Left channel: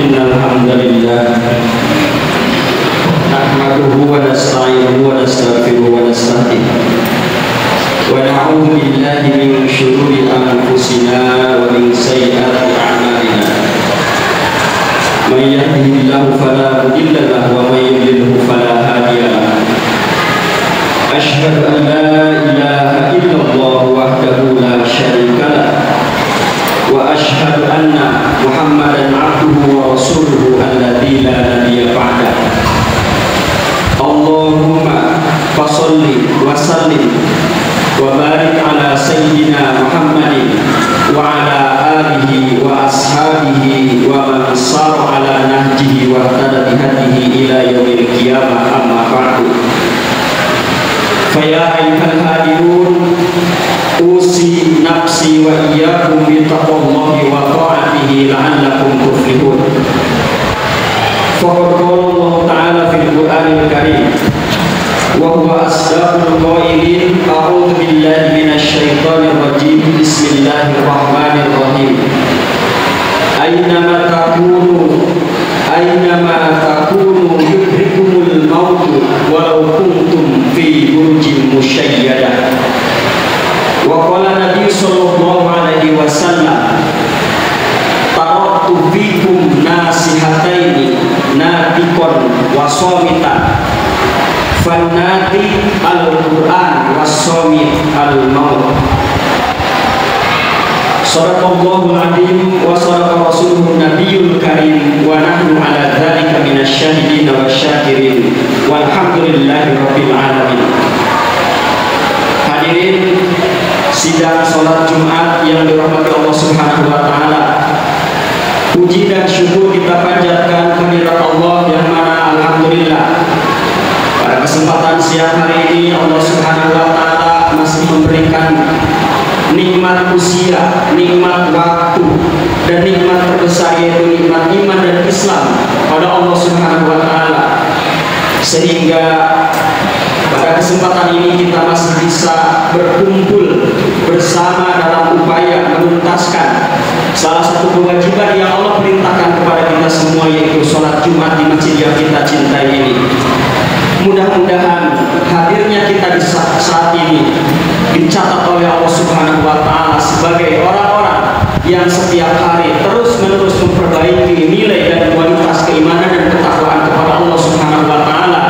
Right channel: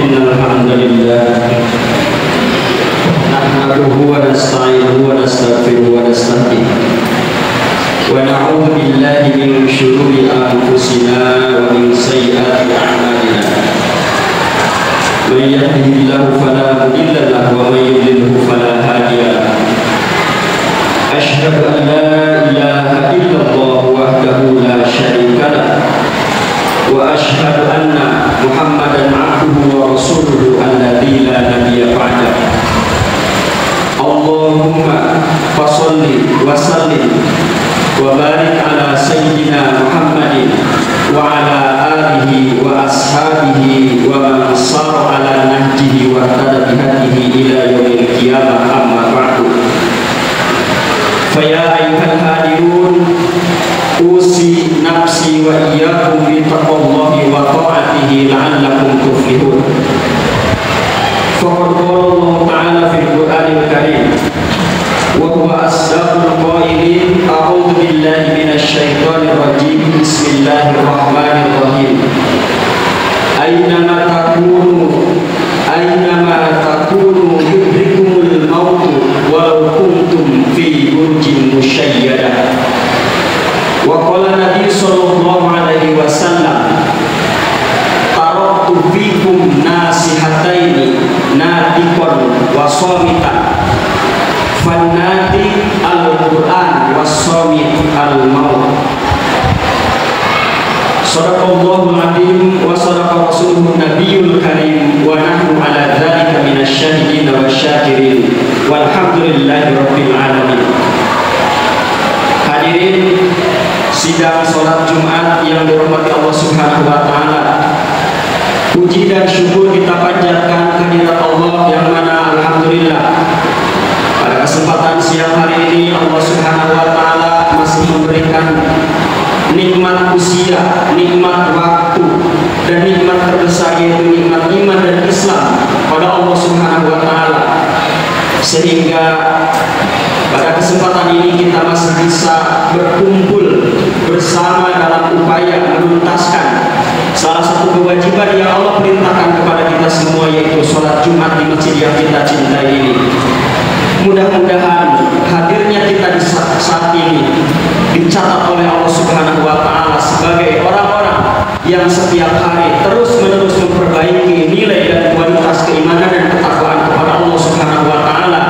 Innal hamdalillah nahmaduhu wa nasta'inuhu wa nastaghfiruhu wa nasta'in wa na'udzu billahi min shururi anfusina wa min sayyiati a'malina may yahdihillahu fala mudilla lahu wa may yudlilhu fala hadiya lahu asyhadu an la ilaha illallah wahdahu la syarika lahu wa asyhadu anna Muhammadan abduhu wa rasuluhu alladzi la nabiyya ba'dahu. Allahumma fasholli wa sallim wa barik ala sayyidina Muhammadin wa ala alihi wa ashabihi wa man sara ala nahjihi wa ihtada bihadihi ila yaumil qiyamah, amma ba'du. Fa ya ayyuhal hadirun usi nafsi wa iyyakum bi taqwallahi wa ta'atihi la'allakum tuflihun. Faqad qala Allah ta'ala fil Qur'anil Karim wa huwa asdaqul qailin a'udzu billahi minasy syaithanir rajim bismillahirrahmanirrahim Aynama takunu yudrikumul maut walau kuntum fi burjin musyayyadah. Wa qala Nabi sallallahu alaihi wasallam taraktu fikum nasihataini natiqan wa shamitan fannati al-Qur'an wa shamit al-maut. Shadaqallahul azim wa sadaqa sidang sholat Jumat yang dirahmati Allah Subhanahu wa Ta'ala. Puji dan syukur kita panjatkan kehadirat Allah yang mana alhamdulillah pada kesempatan siang hari ini Allah Subhanahu wa Ta'ala masih memberikan nikmat usia, nikmat waktu, dan nikmat terbesar yaitu nikmat iman dan Islam pada Allah Subhanahu wa Ta'ala, sehingga pada kesempatan ini kita masih bisa berkumpul bersama dalam upaya menuntaskan salah satu kewajiban yang Allah perintahkan kepada kita semua, yaitu sholat Jumat di masjid yang kita cintai ini. Mudah-mudahan hadirnya kita di saat ini dicatat oleh Allah Subhanahu wa Ta'ala sebagai orang-orang yang setiap hari terus-menerus memperbaiki nilai dan kualitas keimanan dan ketakwaan kepada Allah Subhanahu wa Ta'ala,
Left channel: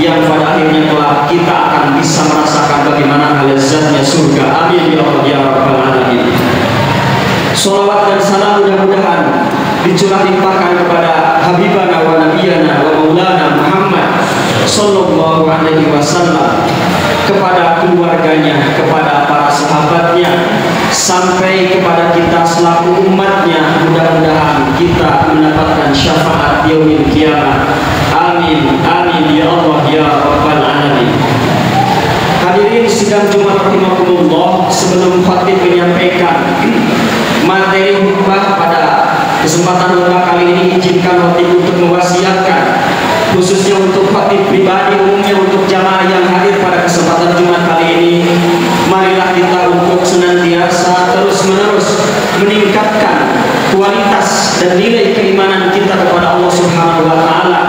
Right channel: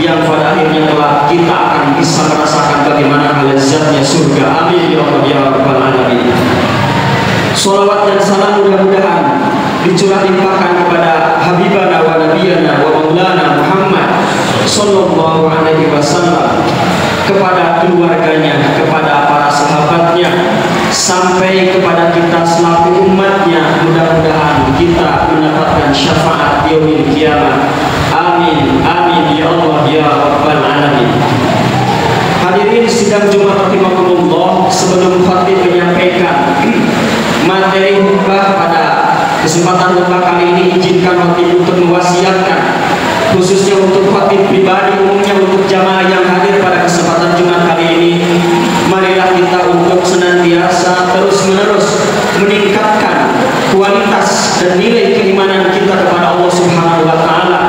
yang pada akhirnya kelak kita akan bisa merasakan bagaimana lezatnya surga. Amin ya Allah ya Rabbal Alamin. Sholawat dan salam mudah-mudahan dicurah limpahkan kepada Habibana wa Nabiyana wa Maulana Muhammad Sallallahu Alaihi Wasallam, kepada keluarganya, kepada para sahabatnya, sampai kepada kita selaku umatnya. Mudah-mudahan kita mendapatkan syafaat yaumil kiamat. Amin, amin ya Allah ya Rabbal Alamin. Hadirin sidang Jumat rahimahumullah, sebelum khatib menyampaikan materi khutbah pada kesempatan khutbah kali ini, izinkan khatib untuk mewasiatkan, khususnya untuk khatib pribadi, umumnya untuk jamaah yang hadir pada kesempatan Jumat kali ini, marilah kita untuk senantiasa terus-menerus meningkatkan kualitas dan nilai keimanan kita kepada Allah Subhanahu wa Ta'ala,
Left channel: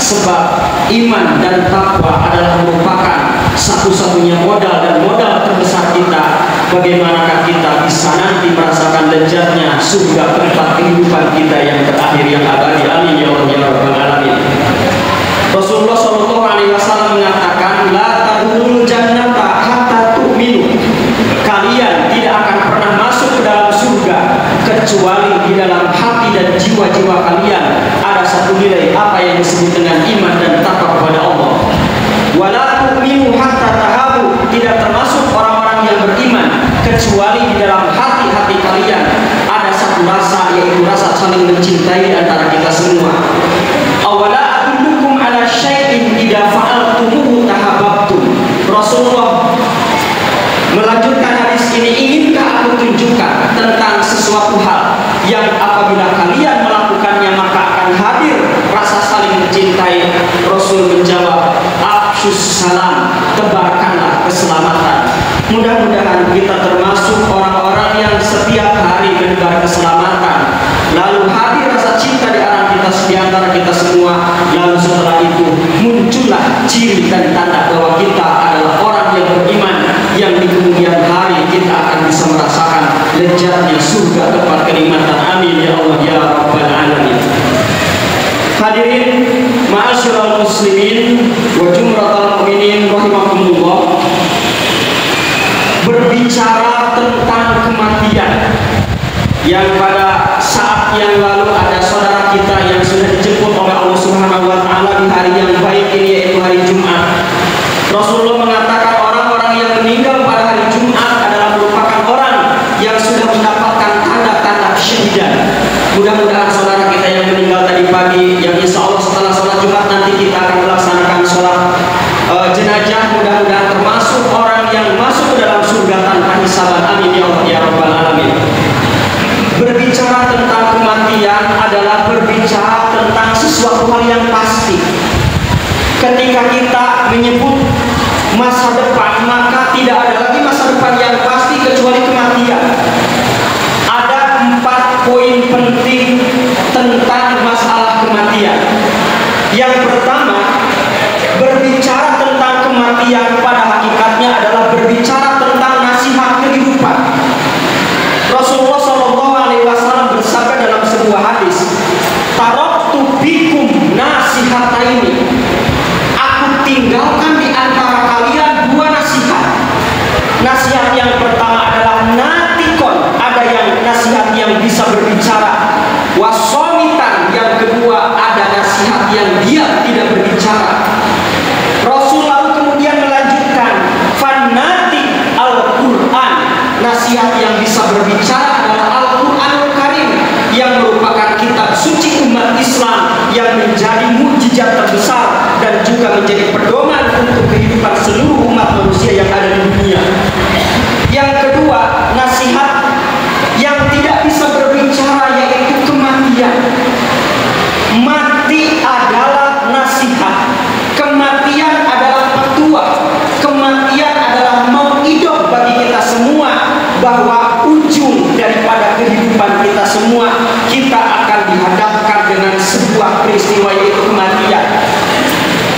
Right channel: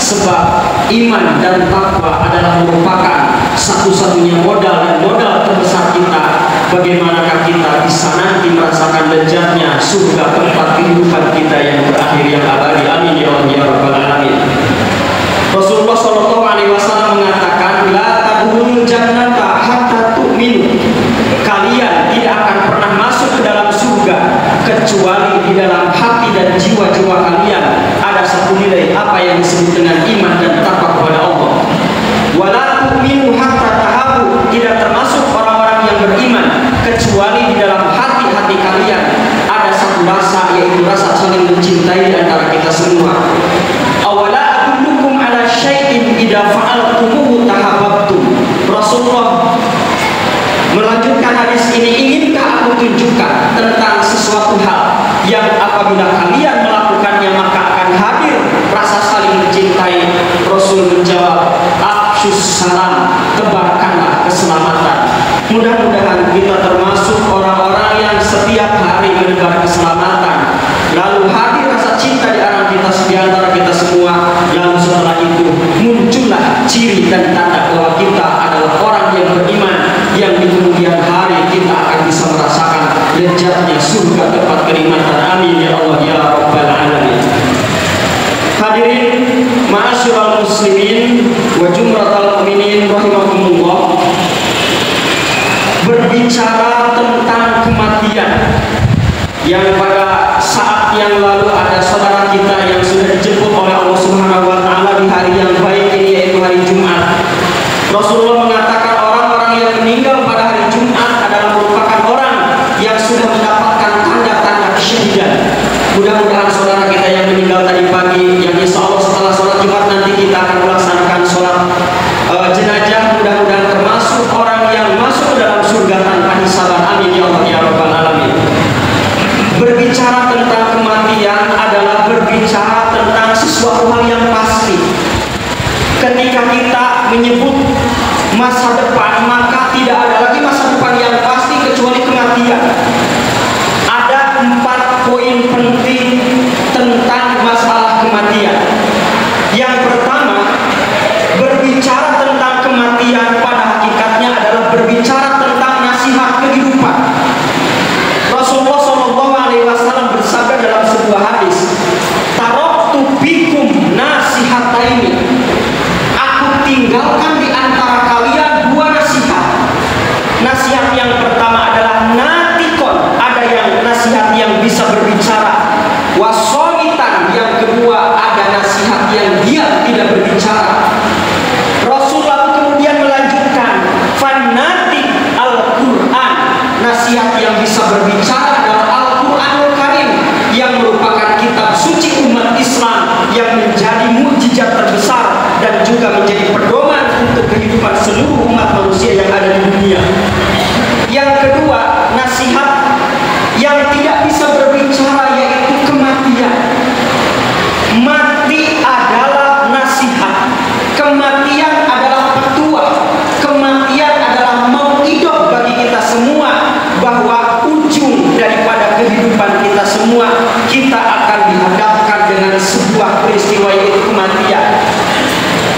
sebab iman dan takwa adalah merupakan satu-satunya modal dan modal terbesar kita. Bagaimanakah kita bisa nanti merasakan lezatnya surga, tempat kehidupan kita yang berakhir, yang abadi. Amin ya Allah ya Rabbal Alamin. Rasulullah Shallallahu Alaihi Wasallam mengatakan, la tadkhulul jannata hatta tu'minu. Kalian tidak akan pernah masuk ke dalam surga kecuali di dalam hati dan jiwa-jiwa kalian ada satu nilai, apa yang disebut dengan iman dan takwa kepada Allah. Wala tu'minu hatta tahabu. Tidak termasuk orang-orang yang beriman kecuali di dalam hati-hati kalian ada satu rasa, yaitu rasa saling mencintai di antara kita semua. Awala adullukum ala syai'in idza fa'altumuhu tahabbtum. Rasulullah melanjutkan hadis ini, inginkah aku tunjukkan tentang sesuatu hal yang apabila kalian melakukannya maka akan hadir rasa saling mencintai? Rasul menjawab, afshus salam, tebarkanlah keselamatan. Mudah-mudahan kita termasuk orang-orang yang setiap hari menebar keselamatan, lalu hadir rasa cinta di antara kita semua, lalu setelah itu muncullah ciri dan tanda bahwa kita adalah orang yang beriman, yang di kemudian hari kita akan bisa merasakan lezatnya surga, tempat kenikmatan. Amin ya Allah ya Rabbal Alamin. Hadirin ma'asyiral muslimin wa jumratal mu'minin rahimakumullah, berbicara tentang kematian, yang pada saat yang lalu ada saudara kita yang sudah dijemput oleh Allah Subhanahu wa Ta'ala di hari yang baik ini, yaitu hari Jumat. Rasulullah mengatakan orang-orang yang meninggal pada hari Jumat adalah merupakan orang yang sudah mendapatkan tanda-tanda kesyahidan. Mudah-mudahan saudara kita yang meninggal tadi pagi, yang insya Allah setelah sholat Jumat nanti kita akan melaksanakan sholat jenazah, mudah-mudahan termasuk orang yang masuk ke dalam surga tanpa hisaban. Amin ya Allah ya Rabbal Alamin. Berbicara tentang kematian adalah berbicara tentang sesuatu hal yang pasti. Ketika kita menyebut masa depan, maka tidak ada lagi masa depan yang pasti kecuali kematian. Ada 4 poin penting tentang masalah kematian. Yang pertama, berbicara tentang kematian pada hakikatnya adalah berbicara tentang nasihat kehidupan. Rasulullah Shallallahu Alaihi Wasallam bersabda dalam sebuah hadis, taraktu bikum nasihataini. Aku tinggalkan di antara kalian 2 nasihat. Nasihat yang pertama adalah natikon, ada yang nasihat yang bisa berbicara. Wasomitan, yang kedua ada nasihat yang dia tidak berbicara. Rasul lalu kemudian melanjutkan, fanati Al-Quran, mukjizat terbesar dan juga menjadi pedoman untuk kehidupan seluruh umat manusia yang ada di dunia. Yang kedua, nasihat yang tidak bisa berbicara yaitu kematian. Mati adalah nasihat, kematian adalah petua, kematian adalah mau'idah bagi kita semua bahwa ujung daripada kehidupan kita semua, kita akan dihadapkan dengan sebuah peristiwa yaitu kematian.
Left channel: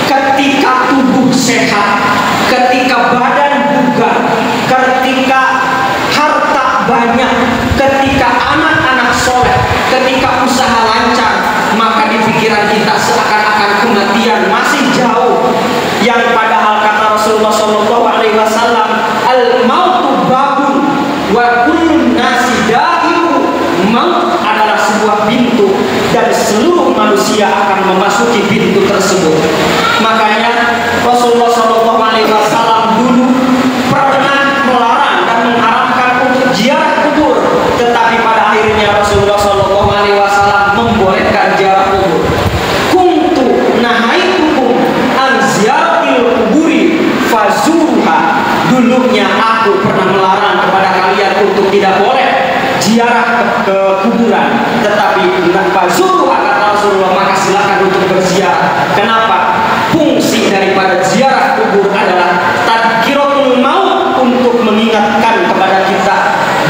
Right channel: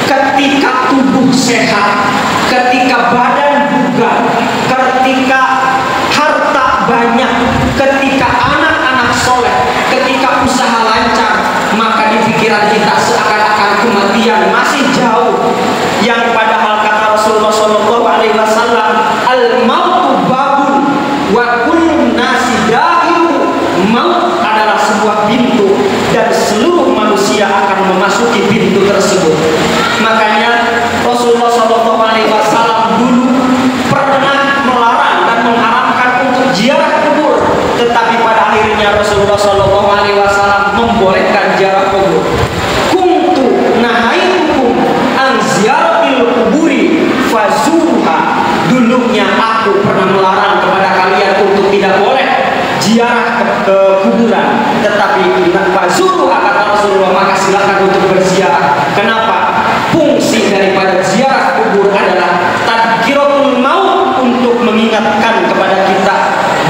Ketika tubuh sehat, ketika badan bugar, ketika harta banyak, ketika anak-anak soleh, ketika usaha lancar, maka di pikiran kita seakan-akan kematian masih jauh. Yang padahal kata Rasulullah SAW, al-mautu babun wa kullun nasi dahiru. Maut adalah sebuah pintu dan seluruh manusia akan memasuki pintu tersebut. Makanya Rasulullah SAW dulu pernah melarang dan mengharamkan untuk ziarah kubur, tetapi pada akhirnya Rasulullah SAW membolehkan ziarah kubur. Kuntu nahaitukum an ziyaratil kuburi fazuruha. Dulunya aku pernah melarang kepada kalian untuk tidak boleh ziarah ke kuburan, tetapi fazuruha kata Rasulullah, maka silakan untuk berziarah. Kenapa? Fungsi daripada ziarah kubur adalah tadhkiratul maut, untuk mengingatkan kepada kita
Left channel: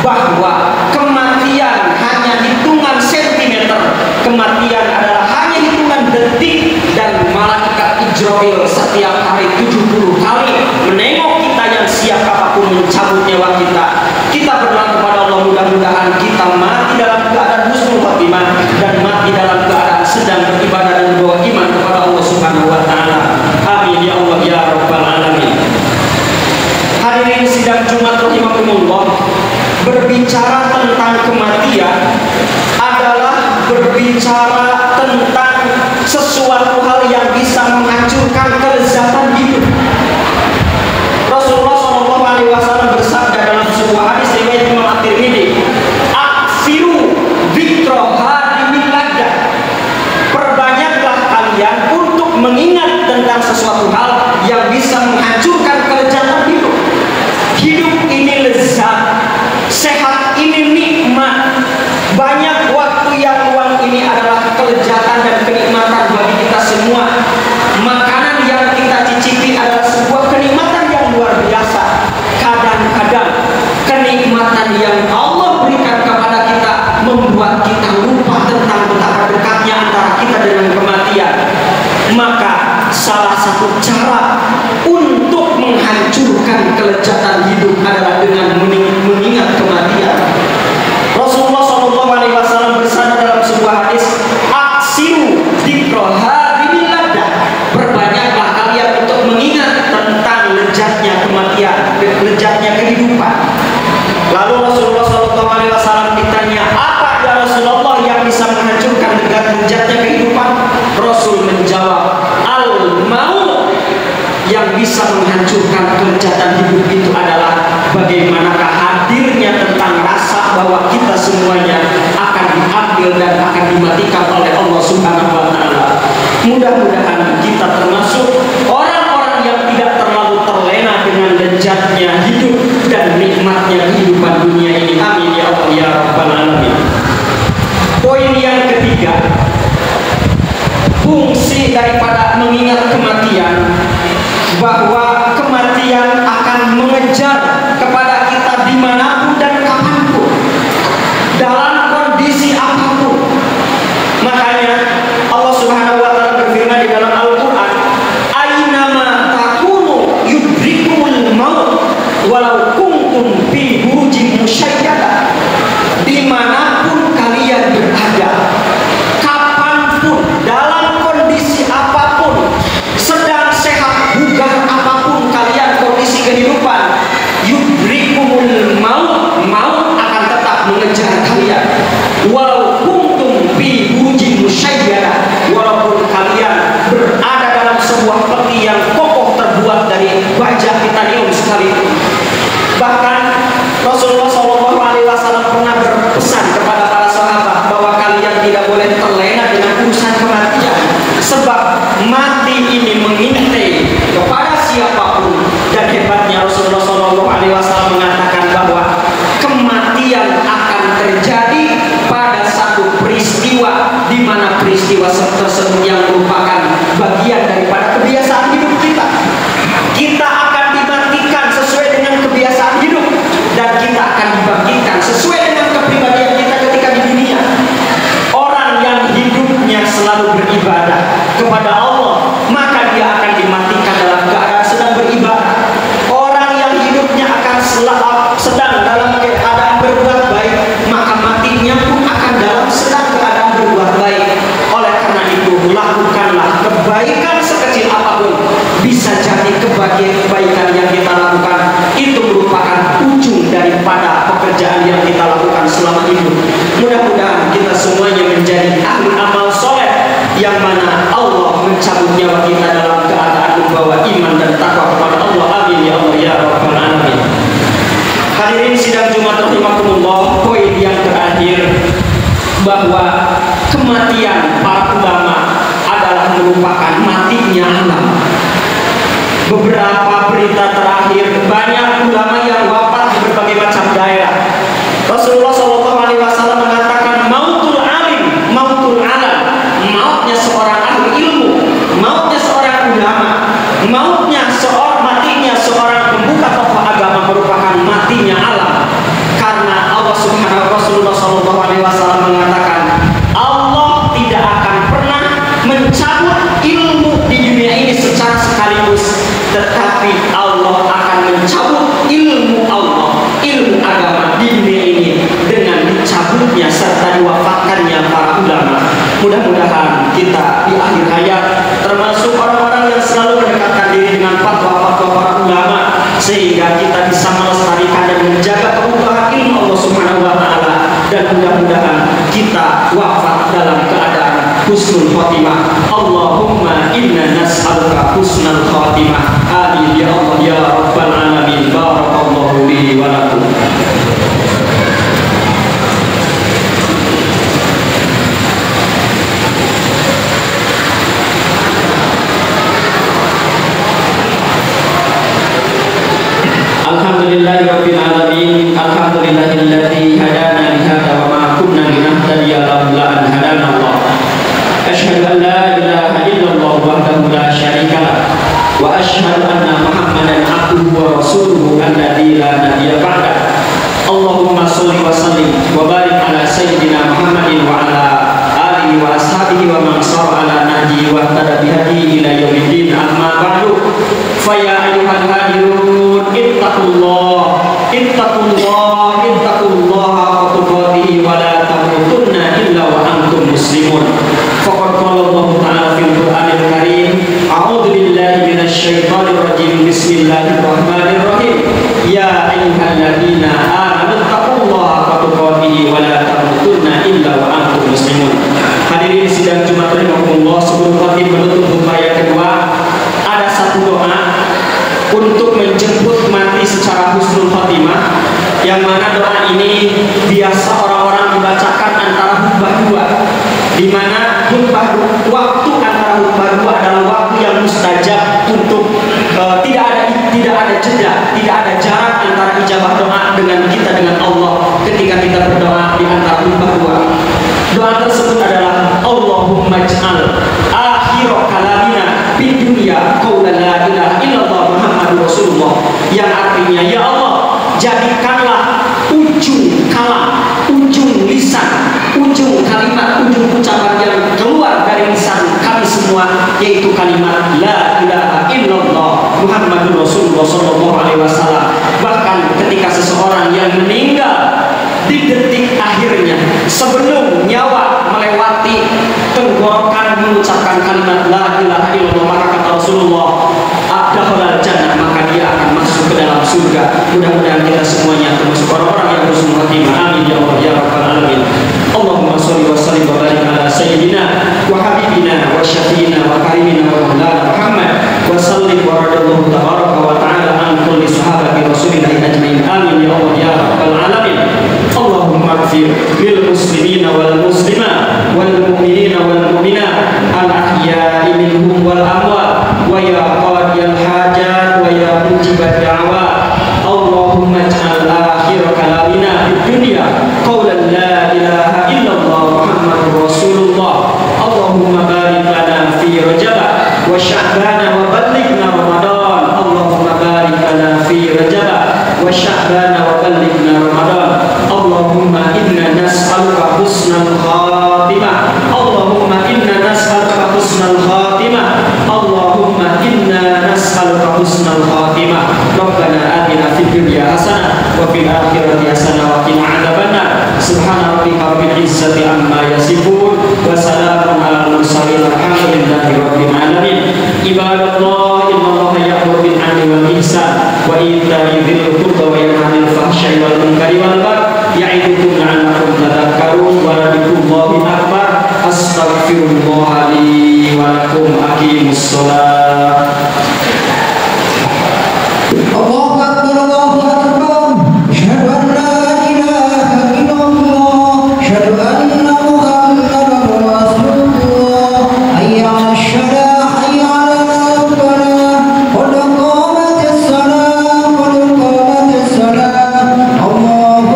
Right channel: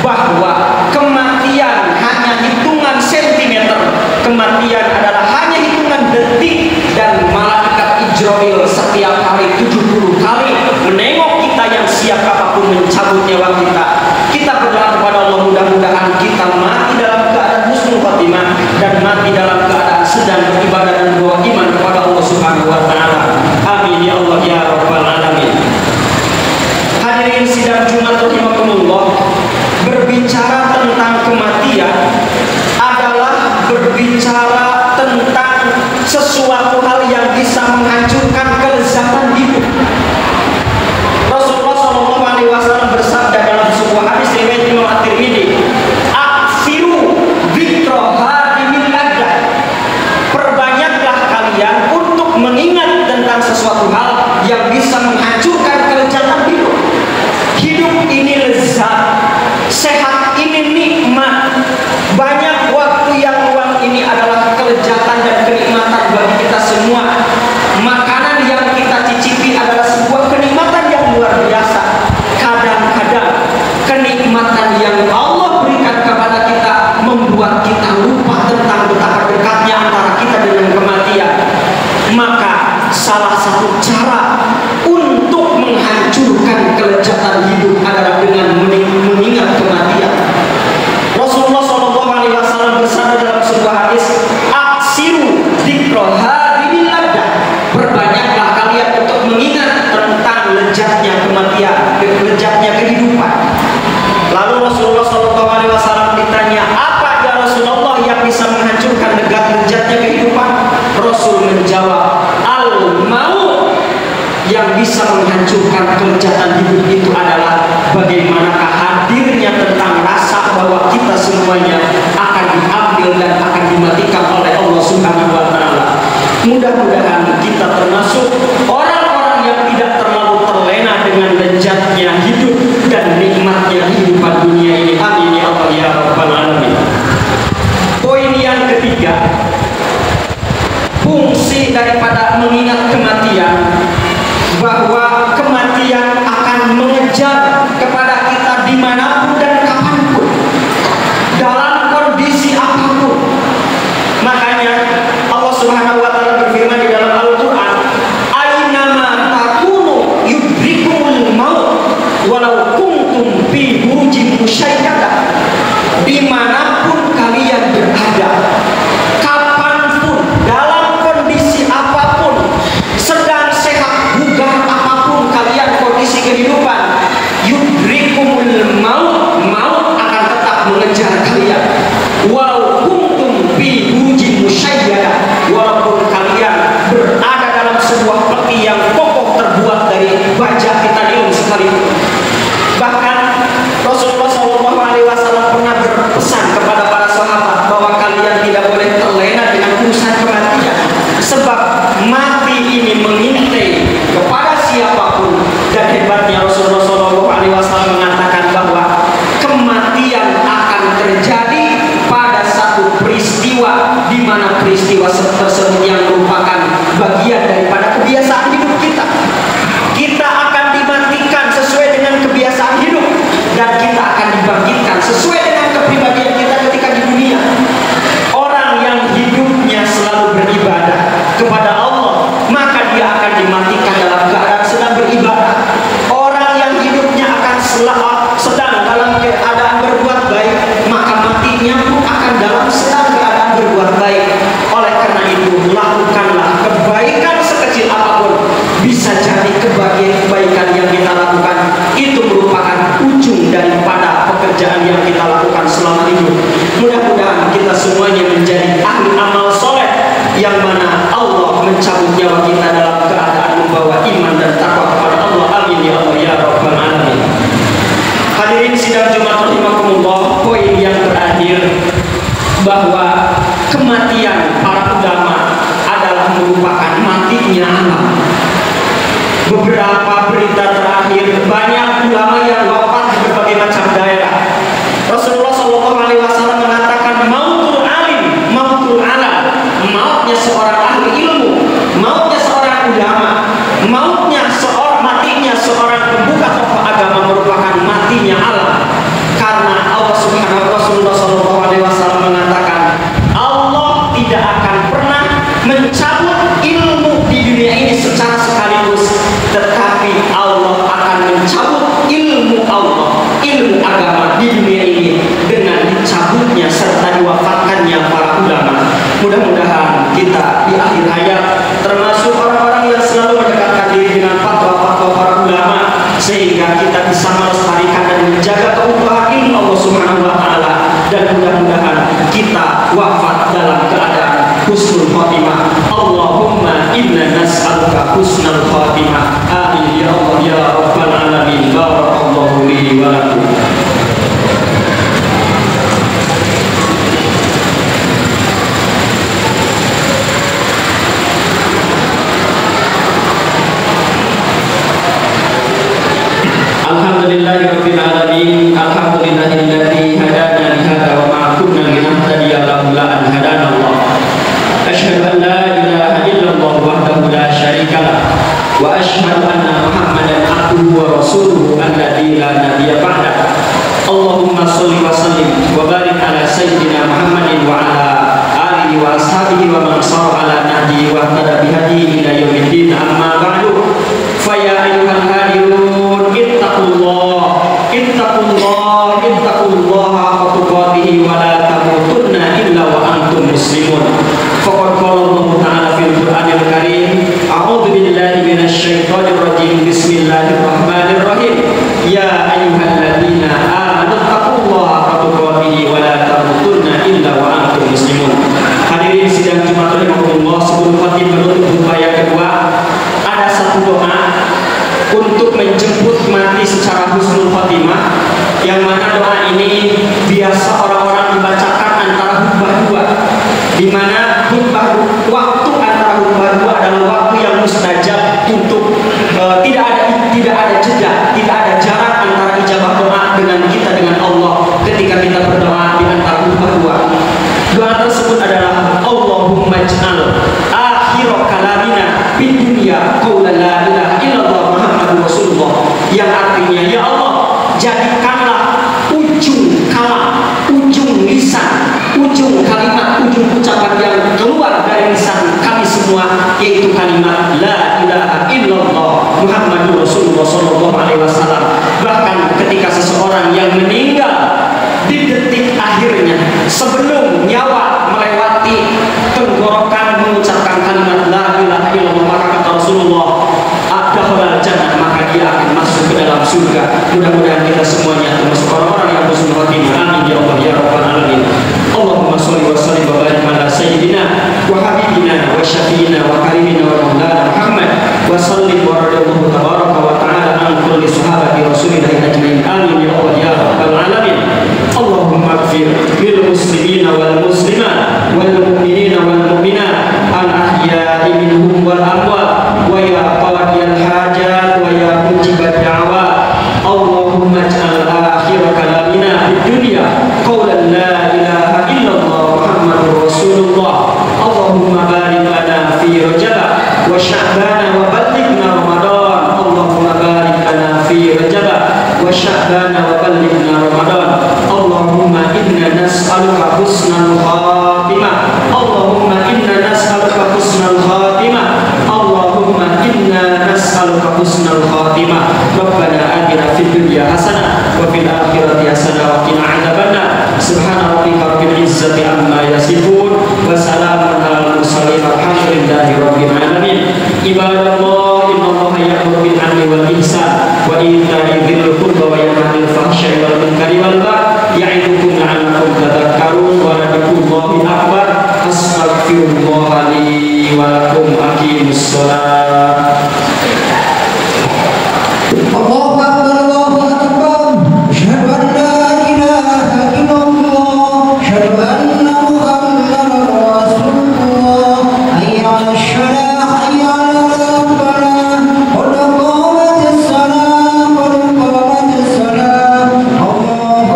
bahwa kematian hanya hitungan sentimeter, kematian adalah hanya hitungan detik, dan malaikat Ijrail setiap hari 70 kali menengok kita yang siap apapun mencabut nyawa kita. Kita berdoa kepada Allah, mudah-mudahan kita mati dalam keadaan husnul khatimah dan mati dalam keadaan sedang beribadah dan berdoa iman kepada Allah Subhanahu wa taala. Amin ya Allah ya rabbal alamin. Hadirin sidang Jumat rahimakumullah, berbicara tentang kematian adalah berbicara tentang sesuatu hal yang bisa menghancurkan kelezatan hidup. Rasulullah SAW bersabda dalam sebuah hadis riwayat Imam At-Tirmidzi, "Aksiru dzikra hadimil laddah." Perbanyaklah kalian untuk mengingat tentang sesuatu hal yang bisa menghancurkan kelezatan hidup. Hidup ini lezat, sehat ini nikmat. Banyak waktu yang luang ini adalah kelezatan dan kenikmatan bagi kita semua. Makanan yang kita cicipi adalah sebuah kenikmatan yang luar biasa. Kadang-kadang kenikmatan yang Allah berikan kepada kita membuat kita lupa tentang betapa dekatnya antara kita dengan kematian. Maka salah satu cara untuk menghancurkan kelezatan hidup adalah dengan mengingat kematian. Rasulullah SAW bersabda dalam sebuah hadis, "Aksiru dzikra hadimil laddah." Perbanyaklah kalian untuk mengingat tentang lezatnya kematian, lezatnya kehidupan. Lalu Rasulullah SAW ditanya, apa ya Rasulullah yang bisa menghancurkan lezatnya kehidupan? Rasul menjawab, al-maut. Yang bisa menghancurkan kelezatan hidup itu adalah bagaimanakah hadirnya tentang rasa bahwa kita semuanya akan diambil dan akan dimatikan oleh Allah Subhanahu wa taala. Mudah-mudahan kita termasuk orang-orang yang tidak terlalu terlena dengan lezatnya hidup dan nikmatnya kehidupan dunia ini. Amin ya Allah ya rabbal alamin. Poin yang ketiga, fungsi daripada mengingat kematian, bahwa kematian akan mengejar kepada kita dimanapun dan kapanpun, dalam kondisi apapun. Makanya Allah Subhanahu wa taala berfirman di dalam Al-Qur'an, "Ainama takunu yudrikumul maut walau kuntum fi burujin musyayyadah." Dimanapun kalian berada, kapanpun, dalam kondisi apapun, sedang sehat bugar apapun kalian kondisi kehidupan, yudrikumul maut, maut akan tetap mengejar kalian. Walau kuntum fi burujin musyayyadah, walaupun kalian berada dalam sebuah peti yang kokoh terbuat dari baja titanium sekalipun. Bahkan Rasulullah SAW pernah berpesan kepada para sahabat bahwa kalian tidak boleh terlena dengan urusan kematian, sebab mati ini mengintai kepada siapapun. Dan hebatnya Rasulullah SAW mengatakan bahwa kematian akan terjadi pada satu peristiwa, di mana peristiwa tersebut yang merupakan bagian daripada kebiasaan hidup kita. Kita akan dimatikan sesuai dengan kebiasaan hidup, dan kita akan dibangkitkan sesuai dengan kepribadian kita ketika di dunia. Orang yang hidupnya selalu beribadah kepada Allah, maka dia akan dimatikan dalam keadaan sedang beribadah. Orang yang hidupnya akan sedang dalam keadaan berbuat baik, maka matinya pun akan dalam sedang keadaan berbuat baik. Oleh karena itu, lakukanlah kebaikan sekecil apapun. Bisa jadi kebaikan yang kita lakukan itu merupakan ujung daripada pekerjaan yang kita lakukan selama hidup. Mudah-mudahan kita semuanya menjadi ahli amal soleh, yang mana Allah mencabut nyawa kita dalam keadaan membawa iman dan takwa kepada Allah. Amin ya Allah ya Rabbal Alamin. Hadirin sidang Jumat rahimakumullah, poin yang terakhir bahwa kematian para ulama adalah merupakan matinya alam. Beberapa berita terakhir, banyak ulama yang wafat di berbagai macam daerah. Rasulullah SAW mengatakan mautul alim, mautul alam, mautnya seorang ahli ilmu, mautnya seorang ulama, matinya seorang pembuka tokoh agama merupakan matinya alam. Karena Rasulullah SAW mengatakan Allah tidak akan pernah mencabut ilmu di dunia ini secara sekaligus, tetapi Allah akan mencabut ilmu Allah, ilmu agama di dunia ini dengan dicabutnya serta diwafatkannya para ulama. Mudah-mudahan kita di akhir hayat termasuk orang-orang yang selalu mendekatkan diri dengan fatwa-fatwa para ulama, sehingga kita bisa melestarikan dan menjaga keutuhan ilmu Allah Subhanahu wa Ta'ala. Dan mudah-mudahan kita wafat dalam keadaan husnul khotimah. Allahumma inna nas'aluka husnul khotimah. Amin ya Allah ya Rabbal Alamin. Barakallahu li wa lakum. Alhamdulillahi Rabbil Alamin. Alhamdulillahilladzi hadana li hadza wa ma kunna linahtadiya laula an hadana Allah. Asyhadu an la ilaha illallah wahdahu la syarika lah, wa asyhadu anna Muhammadan abduhu wa rasuluhu alladzi la nabiyya ba'da. Allahumma shalli wa sallim wa barik ala sayyidina Muhammadin wa ala alihi wa ashabihi wa man shara ala nahjihi wa ihtada bihadihi ila yaumiddin. Amma ba'du. Fa ya ayyuhal hadirun ittaqullaha haqqa tuqatih wa la tamutunna illa wa antum muslimun. Faqad qala Allah Ta'ala fil Qur'anil Karim, a'udzu billahi minasy syaithanir rajim. Bismillahirrahmanirrahim. Ya ayyuhalladzina amanu taqullaha haqqa tuqatih wa la tamutunna illa wa antum muslimun. Hadirin sidang Jumat rahimakumullah, sebelum khatib menutup khutbah yang kedua, ada satu doa untuk menjemput mati secara husnul khotimah, yang mana doa ini biasa orang-orang dibacakan antara khutbah dua, di mana waktu antara khutbah dua adalah waktu yang mustajab untuk tidak ada jeda, tidak ada jarak antara ijabah doa dengan Allah ketika kita berdoa di antara khutbah dua. Doa tersebut adalah Allahumma ij'al akhir kalamina fid dunya qaulan la ilaha illallah Muhammadur Rasulullah, yang artinya ya Allah, jadikanlah ujung kalam, ujung lisan, ujung kalimat, ujung ucapan yang keluar dari lisan kami semua, yaitu kalimat la ilaha illallah Muhammadur Rasulullah sallallahu alaihi wasallam. Bahkan ketika seseorang yang meninggal di detik akhirnya, sebelum nyawa melewati tenggorokan mengucapkan kalimat la ilaha illallah, maka kata Rasulullah, adkhulal jannah, maka dia akan masuk ke dalam surga. Mudah-mudahan kita semuanya termasuk orang-orang yang husnul khotimah. Amin ya Allah ya Rabbal Alamin. Allahumma sholli wa sallim wa barik ala sayyidina wa habibina wa syafiina wa karimina wa maulana Muhammad wa sallim wa radiyallahu tabaraka wa ta'ala an kulli sahabati rasulillahi ajmain. Amin ya Allah ya Rabbal Alamin. Allahumma ighfir lil muslimina wal muslimat wal mu'minina wal mu'minat al ahya'i minhum wal وشعبان وبلغنا رمضان اللهم بارك لنا في رجب وشعبان وبلغنا رمضان اللهم إنا نسألك حسن الخاتمة اللهم إنا نسألك حسن الخاتمة اللهم إنا نسألك حسن الخاتمة ربنا آتنا في الدنيا حسنة وفي الآخرة حسنة وقنا عذاب النار سبحان ربك رب العزة عما يصفون وسلام على المرسلين والحمد لله رب العالمين عباد الله إن الله يأمر بالعدل والإحسان وإيتاء ذي القربى وينهى عن الفحشاء والمنكر والبغي يعظكم لعلكم تذكرون ولذكر الله أكبر أستغفر الله لي ولكم أقيموا الصلاة. الله أكبر الله أكبر أشهد أن لا إله إلا الله أشهد أن محمدا رسول الله حي على الصلاة حي على الفلاح قد قامت الصلاة قد قامت الصلاة الله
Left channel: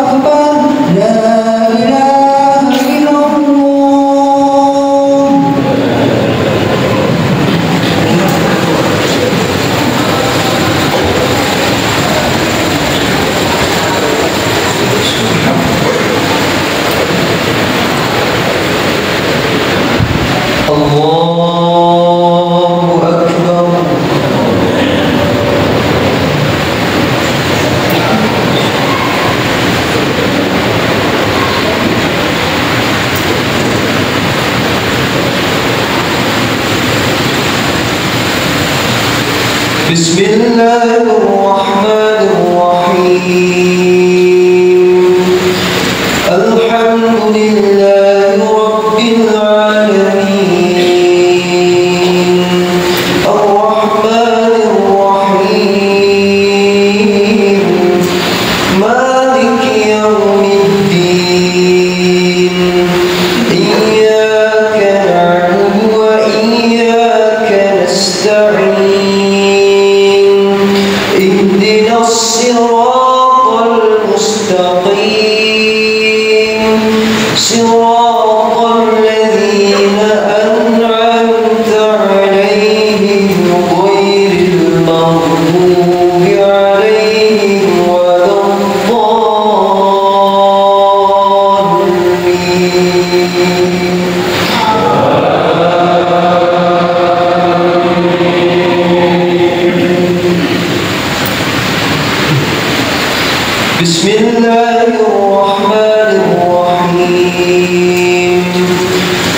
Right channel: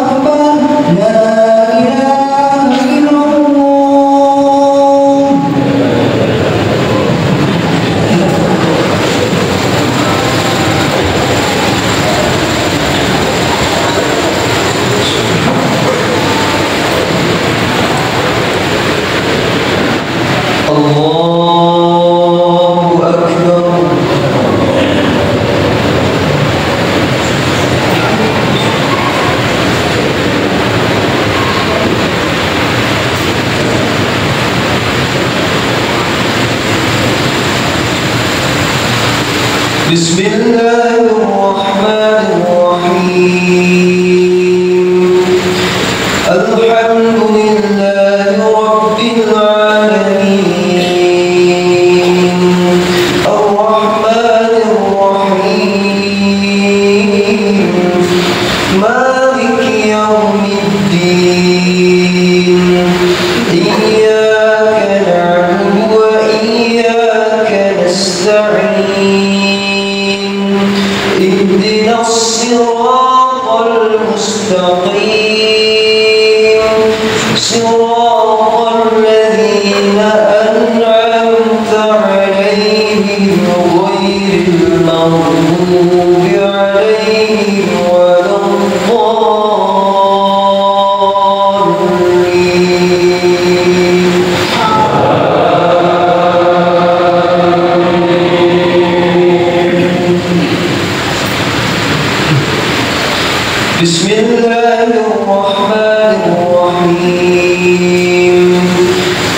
أكبر لا إله إلا الله. الله أكبر. بسم الله الرحمن الرحيم الحمد لله رب العالمين الرحمن الرحيم مالك يوم الدين إياك نعبد وإياك نستعين اهدنا الصراط المستقيم صراط الذين أنعمت عليهم غير المغضوب عليهم ولا الضالين. بسم الله الرحمن الرحيم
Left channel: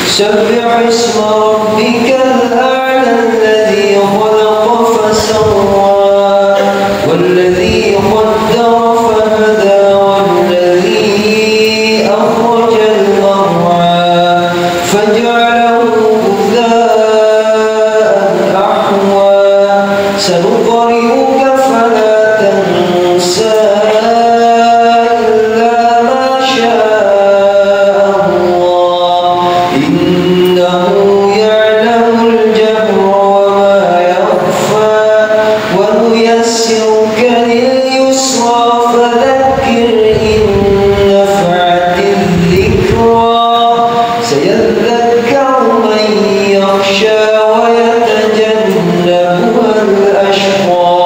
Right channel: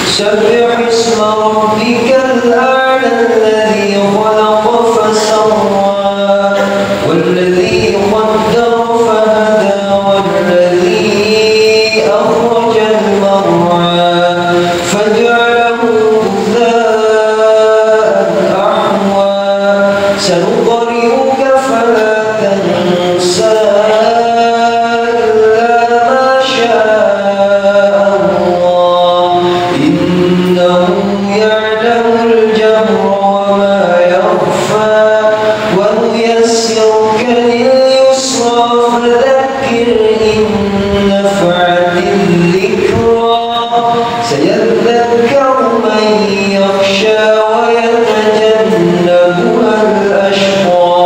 سبح اسم ربك الأعلى الذي خلق فسوى والذي قدر فهدى والذي أخرج المرعى فجعله غثاء أحوى سنقرئك فلا تنسى إلا ما شاء الله إنه يعلم الجهر وما يخفى ونيسرك لليسرى فذكر إن نفعت الذكرى سيذكر من يخشى ويتجنبها الأشقى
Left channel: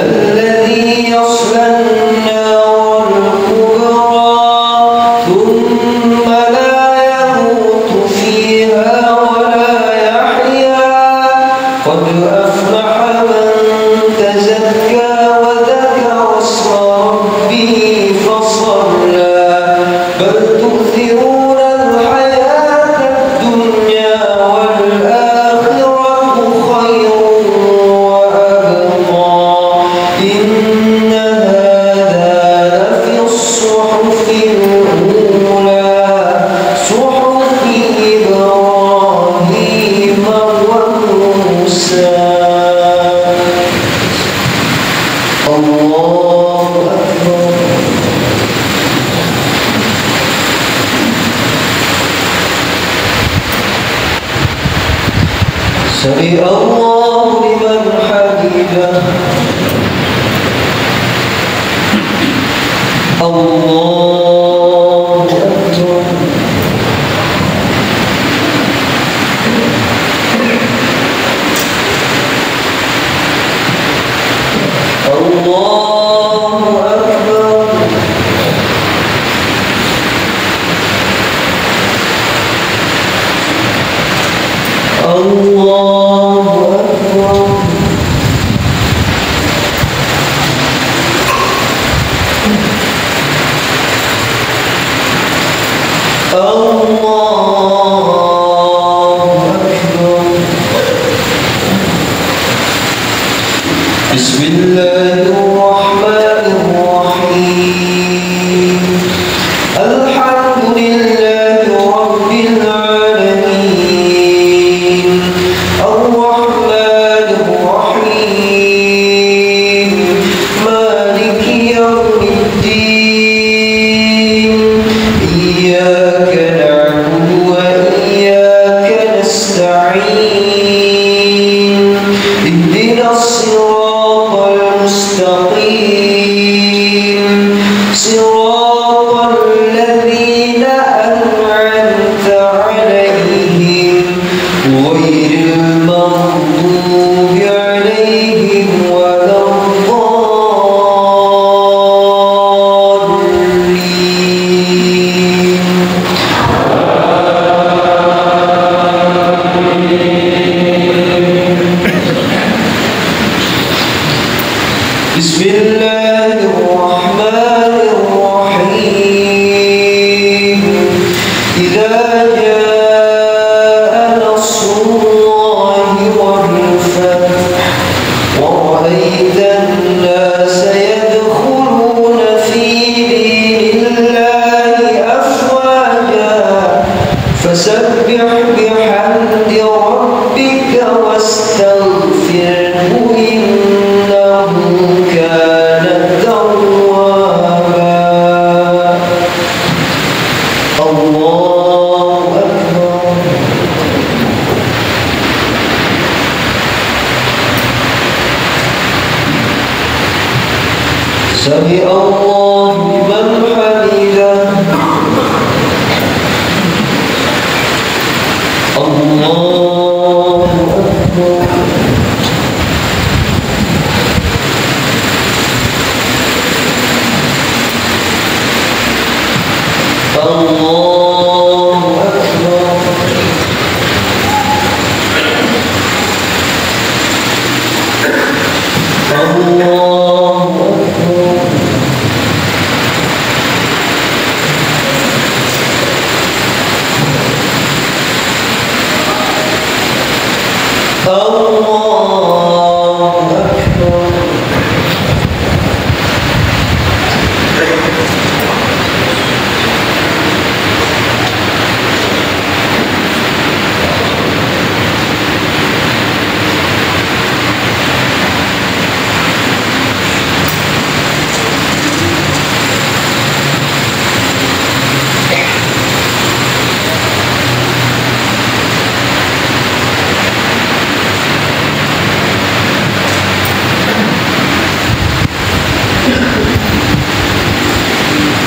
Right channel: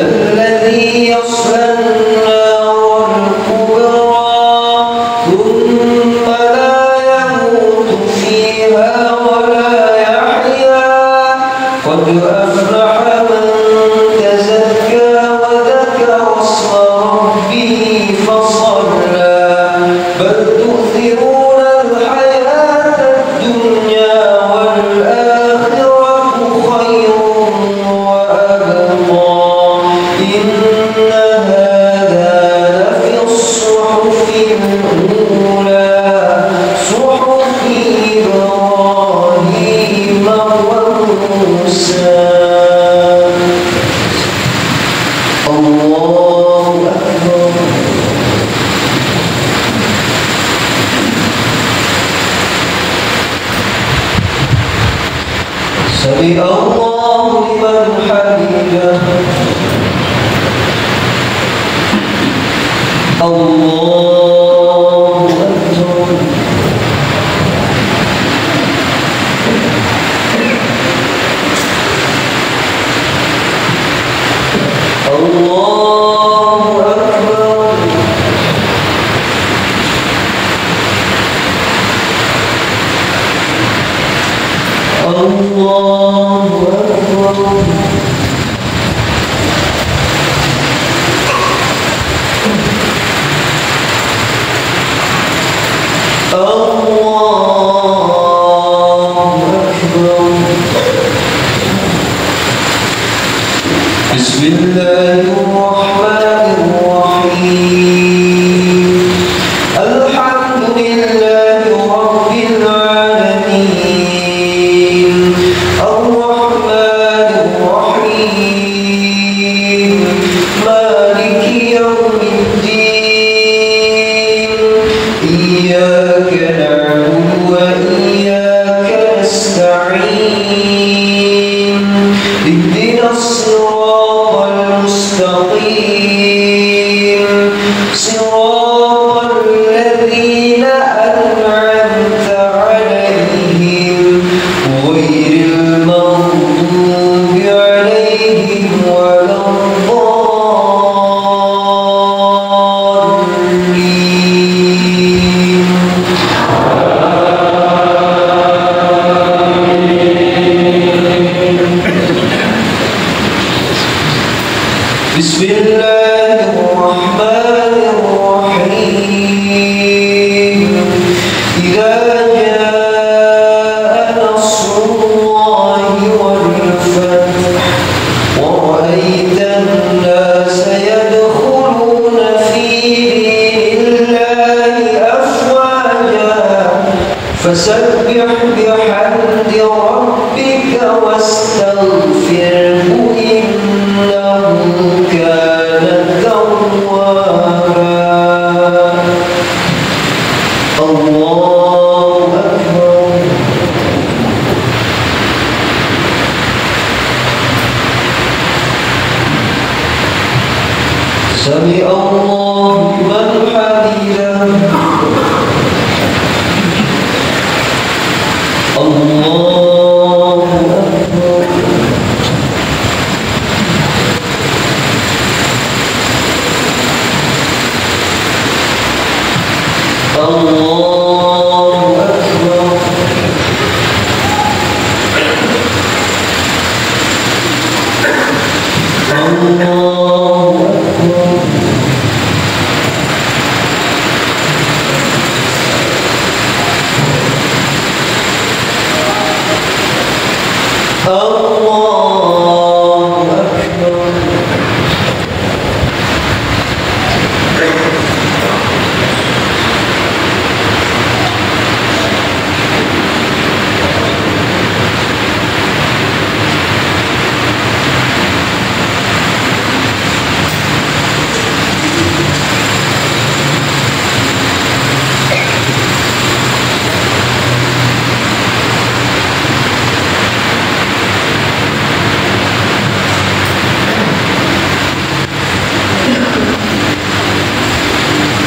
الذي يصلى النار الكبرى ثم لا يموت فيها ولا يحيا قد أفلح من تزكى وذكر اسم ربه فصلى بل تؤثرون الحياة الدنيا والآخرة خير وأبقى إن هذا لفي الصحف الأولى صحف إبراهيم وموسى. الله أكبر. سمع الله لمن حمده الله أكبر.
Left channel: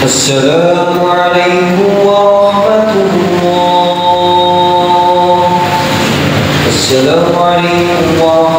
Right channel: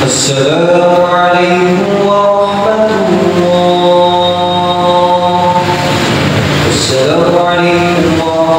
السلام عليكم ورحمة الله. السلام عليكم ورحمة الله.